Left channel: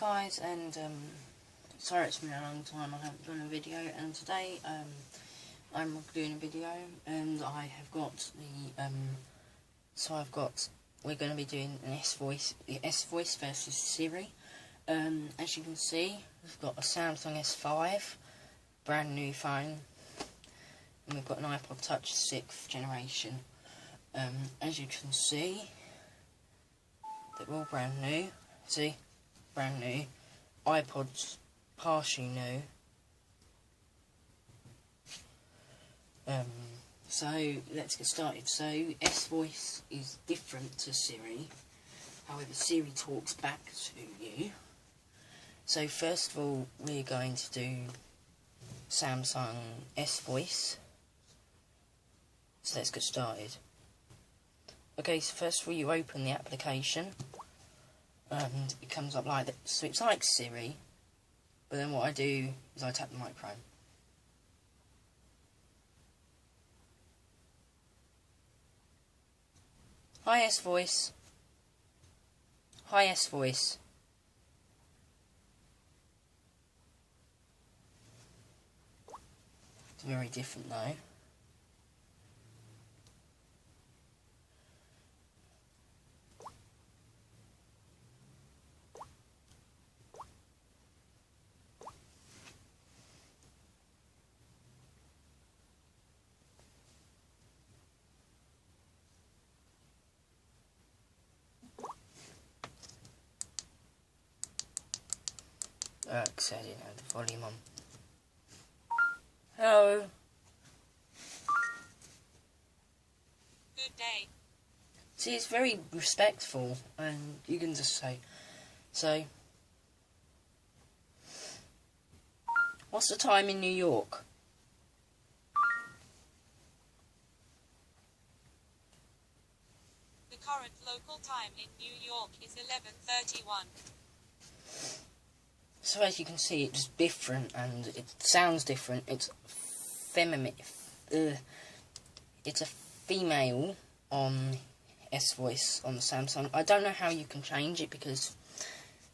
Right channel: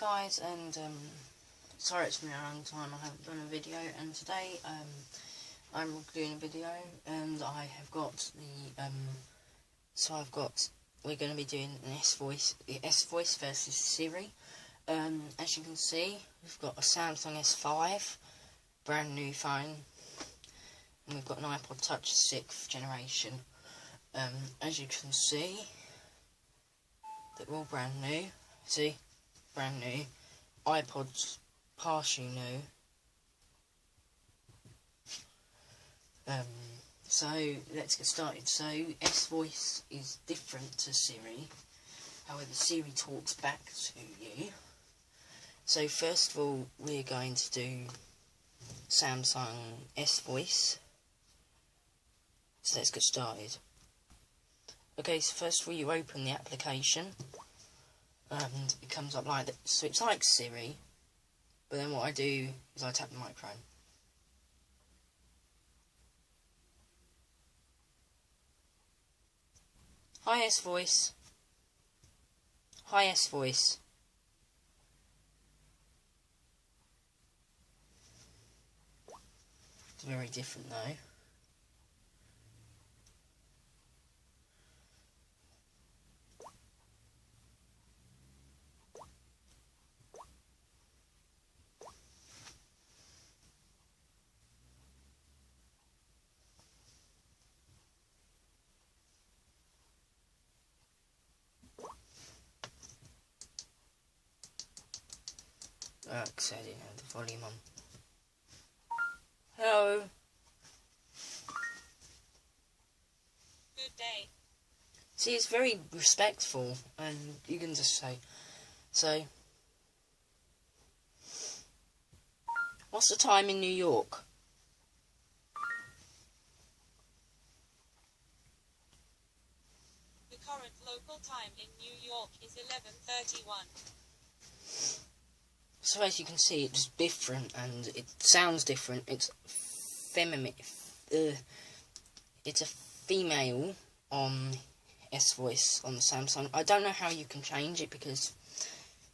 guys, and sorry it's been a long time I haven't done a video, and today I'm doing a video, and I have got the we're going to be doing an S-Voice versus Siri. As you can see, we've got a Samsung S5, brand new phone, and we've got an iPod Touch 6th generation. As you can see, they're all brand new. See? Brand new. iPod's partially new. So let's get started. So S-Voice is different to Siri. However, Siri talks back to you. So first of all, we're going to do Samsung S-Voice. So let's get started. Okay, so first of all, you open the application, and it comes up like that. So it's like Siri, but then what I do is I tap the microphone. Hi S-Voice. Hi S-Voice. It's very different though. Setting the volume on. Hello. Good day. See, it's very respectful, and you can just say, what's the time in New York? The current local time in New York is 11:31. So as you can see, it's different, and it sounds different. It's feminine. It's a female on S-Voice on the Samsung. I don't know how you can change it, because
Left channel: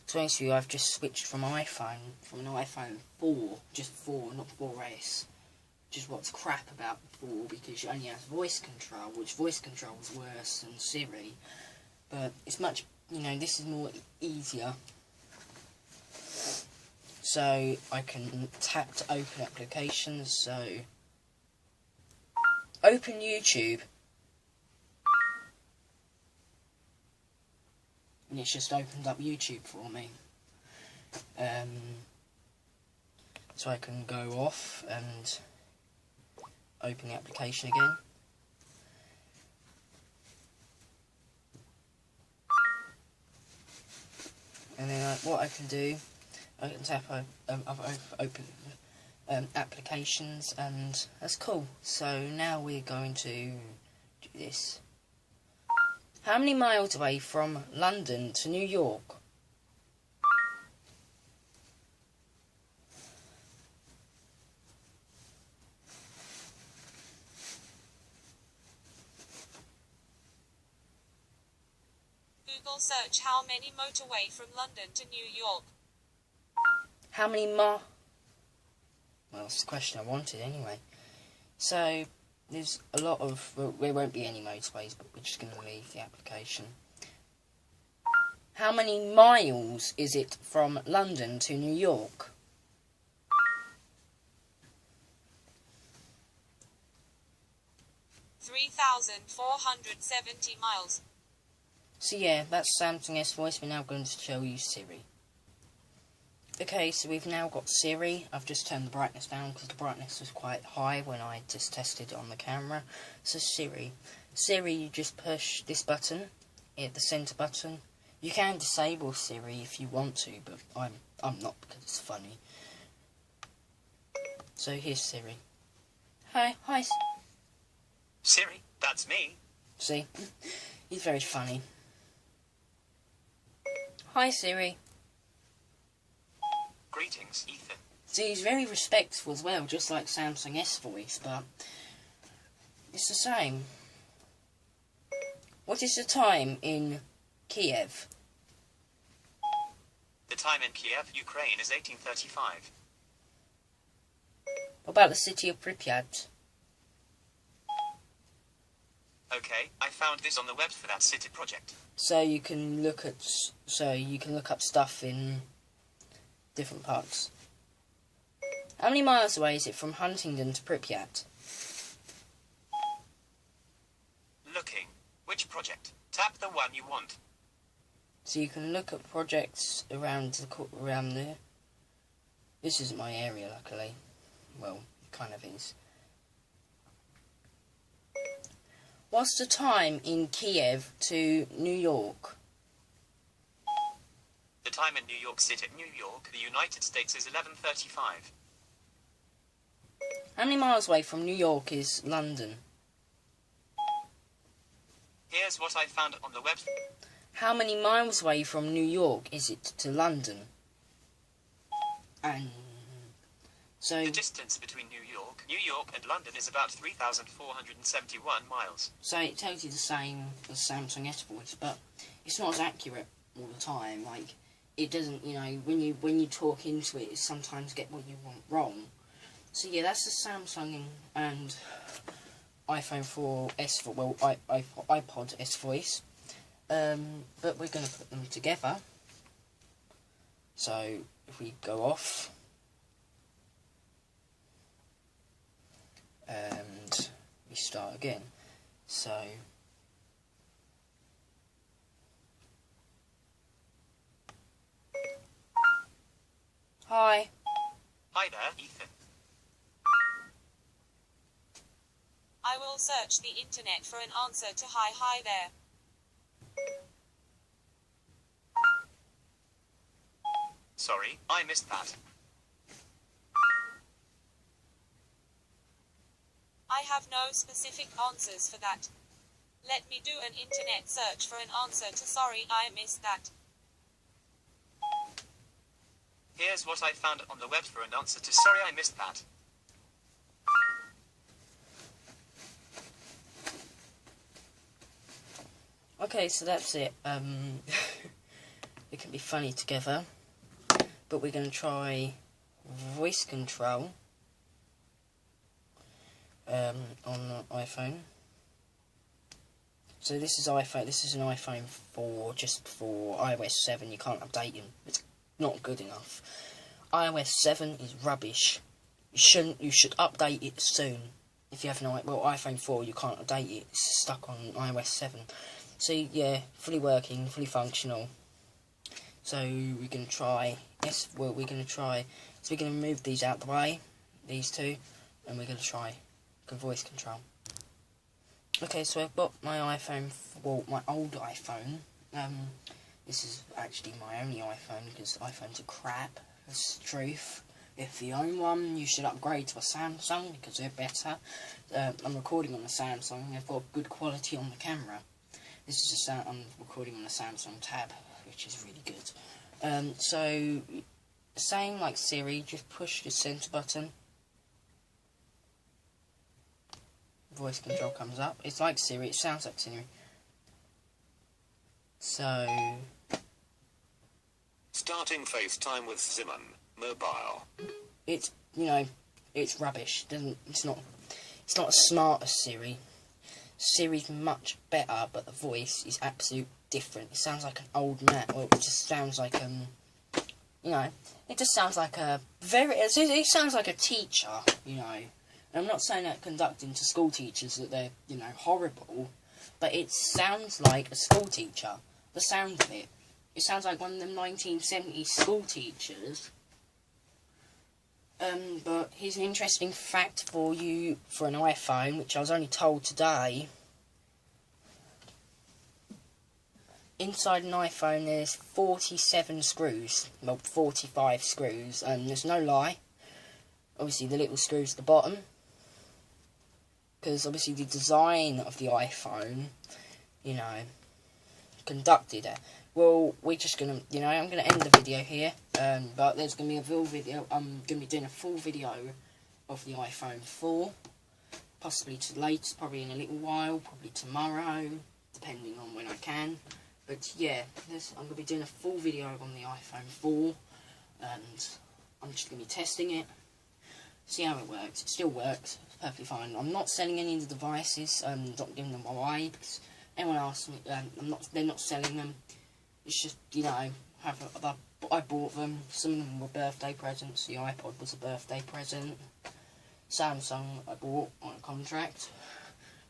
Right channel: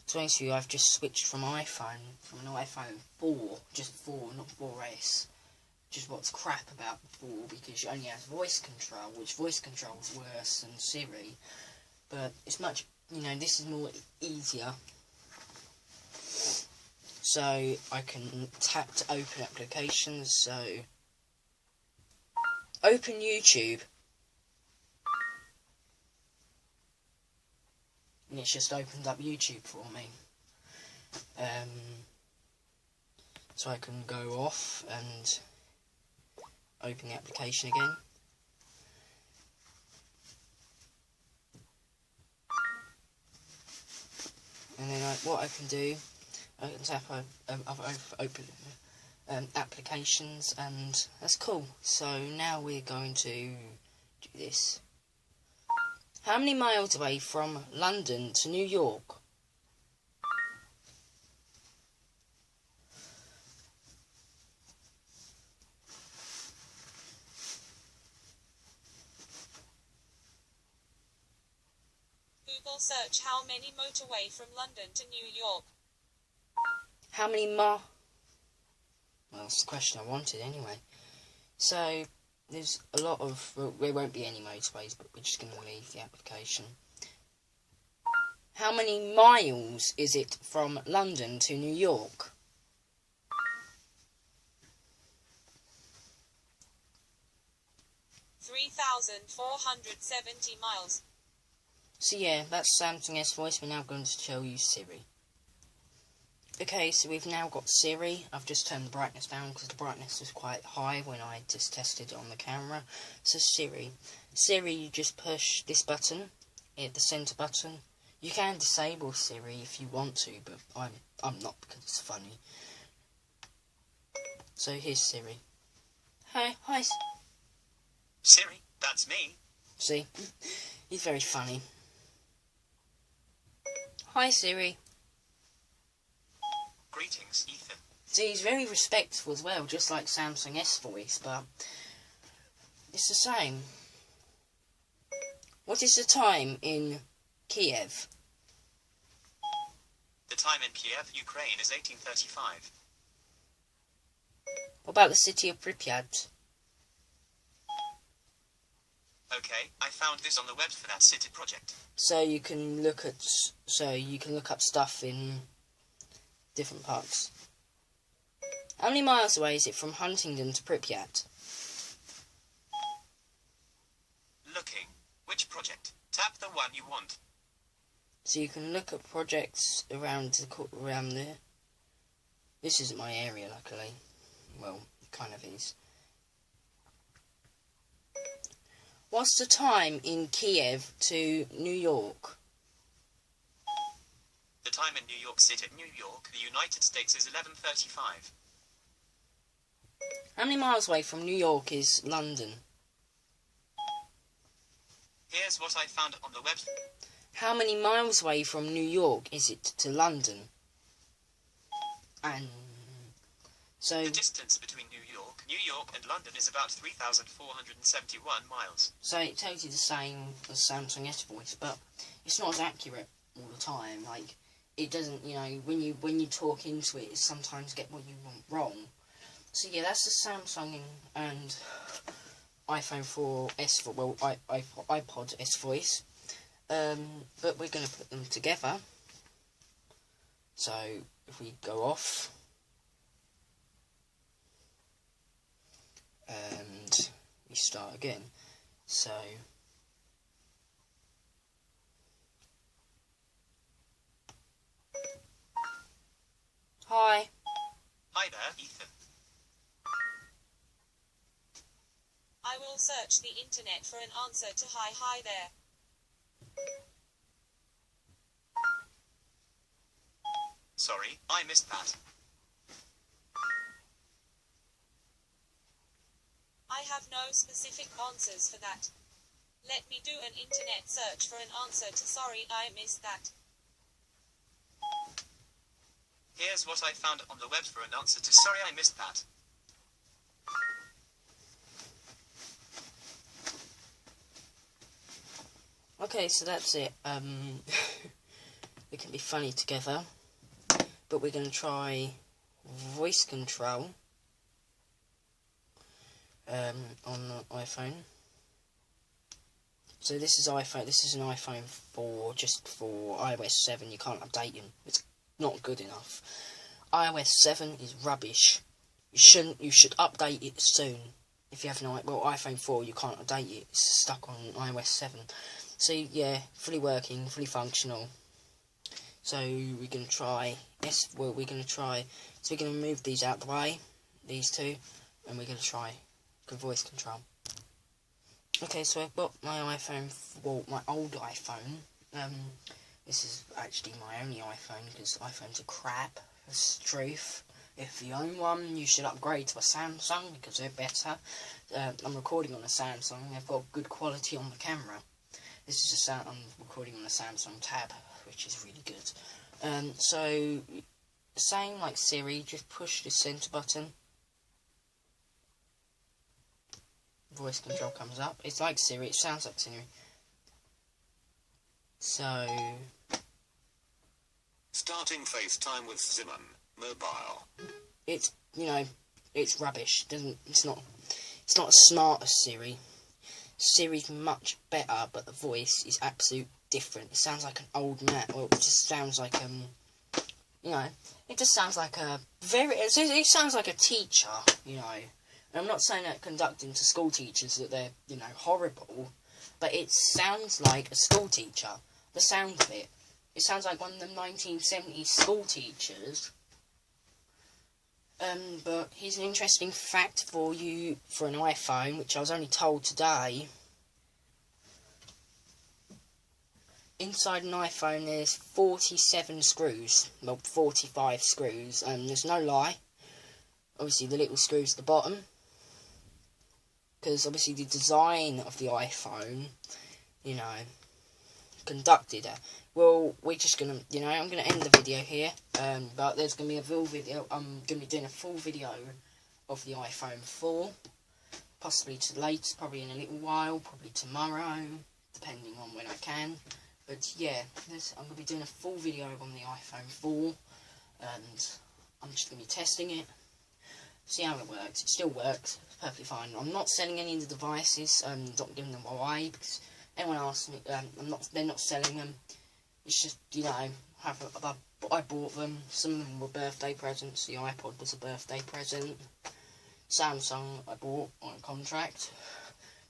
to be honest with you, I've just switched from an iPhone 4, just 4, not 4S. Which is what's crap about 4, because you only have voice control, which voice control is worse than Siri. But it's much, this is more easier. So I can tap to open applications. So open YouTube, and it's just opened up YouTube for me. So I can go off and open the application again. And then what I can do, I can tap open applications, and that's cool. So now we're going to do this. How many miles away from London to New York? Google search how many motorway from London to New York. How many Well, that's the question I wanted anyway. So, there's a lot of... Well, there won't be any motorways, but we're just going to leave the application. How many miles is it from London to New York? (3,470 miles). So yeah, that's Samsung S-Voice. We're now going to show you Siri. Okay, so we've now got Siri. I've just turned the brightness down because the brightness was quite high when I just tested it on the camera. So Siri, you just push this button, the centre button. You can disable Siri if you want to, but I'm not, because it's funny. So here's Siri. Hi. Siri, that's me. See, he's very funny. Hi Siri. Greetings, Ethan. See, he's very respectful as well, just like Samsung S-Voice, but it's the same. What is the time in Kiev? The time in Kiev, Ukraine is 1835. What about the city of Pripyat? Okay, I found this on the web for that city project. So you can look up stuff in different parts. How many miles away is it from Huntingdon to Pripyat? Looking. Which project? Tap the one you want. So you can look at projects around there. This isn't my area, luckily. Well, it kind of is. What's the time in Kiev to New York? The time in New York City, New York, the United States is 11:35. How many miles away from New York is London? Here's what I found on the web. How many miles away from New York is it to London? And so The distance between New York and London is about 3,471 miles. So it tells you the same as Samsung S Voice, but it's not as accurate all the time. Like, it doesn't, you know, when you talk into it, sometimes get what you want wrong. So yeah, that's the Samsung and iPhone 4S, well, iPod S Voice. But we're going to put them together. So if we go off and we start again. So hi. Hi there, Ethan. I will search the internet for an answer to hi there. Sorry, I missed that. I have no specific answers for that. Let me do an internet search for an answer to sorry I missed that. Here's what I found on the web for an answer to sorry I missed that. Okay, so that's it. It can be funny together, but we're going to try voice control on the iPhone. So this is iPhone. This is an iPhone 4, just for iOS 7. You can't update it. It's not good enough. iOS 7 is rubbish. You should update it soon. If you have an iPhone 4, you can't update it. It's stuck on iOS 7. So yeah, fully working, fully functional. So we're going to try. So we're going to move these out the way, these two, and we're going to try voice control. Okay, so I've got my iPhone, well, my old iPhone. This is actually my only iPhone because iPhones are crap. It's the truth. If you own one, you should upgrade to a Samsung because they're better. I'm recording on a Samsung. They've got good quality on the camera. This is just I'm recording on a Samsung Tab, which is really good. So, same like Siri, just push the center button. Voice control comes up. It's like Siri, it sounds like Siri. So, Starting FaceTime with Simon, mobile. it's, you know, it's rubbish. It's not as smart as Siri. Siri's much better, but the voice is absolutely different. It sounds like an old man. Well, it just sounds like you know, it just sounds like it sounds like a teacher, you know. And I'm not saying that conducting to school teachers that they're, you know, horrible, but it sounds like a school teacher. The sound of it. It sounds like one of them 1970s school teachers. But here's an interesting fact for you for an iPhone, which I was only told today. Inside an iPhone there's 47 screws, well 45 screws, and there's no lie. Obviously the little screws at the bottom, because obviously the design of the iPhone, you know, conducted it. Well, we're just gonna, you know, I'm gonna end the video here, but there's gonna be a full video. I'm gonna be doing a full video of the iPhone 4, possibly later, probably in a little while, probably tomorrow, depending on when I can. But yeah, I'm going to be doing a full video on the iPhone 4, and I'm just going to be testing it, see how it works. It still works, it's perfectly fine. I'm not selling any of the devices, not giving them away. Anyone asks me, they're not selling them. It's just, you know, I bought them. Some of them were birthday presents. The iPod was a birthday present. Samsung I bought on a contract.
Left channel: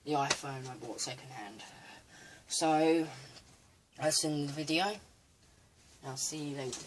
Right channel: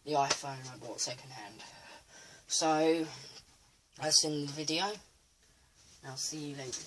The iPhone I bought second hand. So, that's in the video. I'll see you later.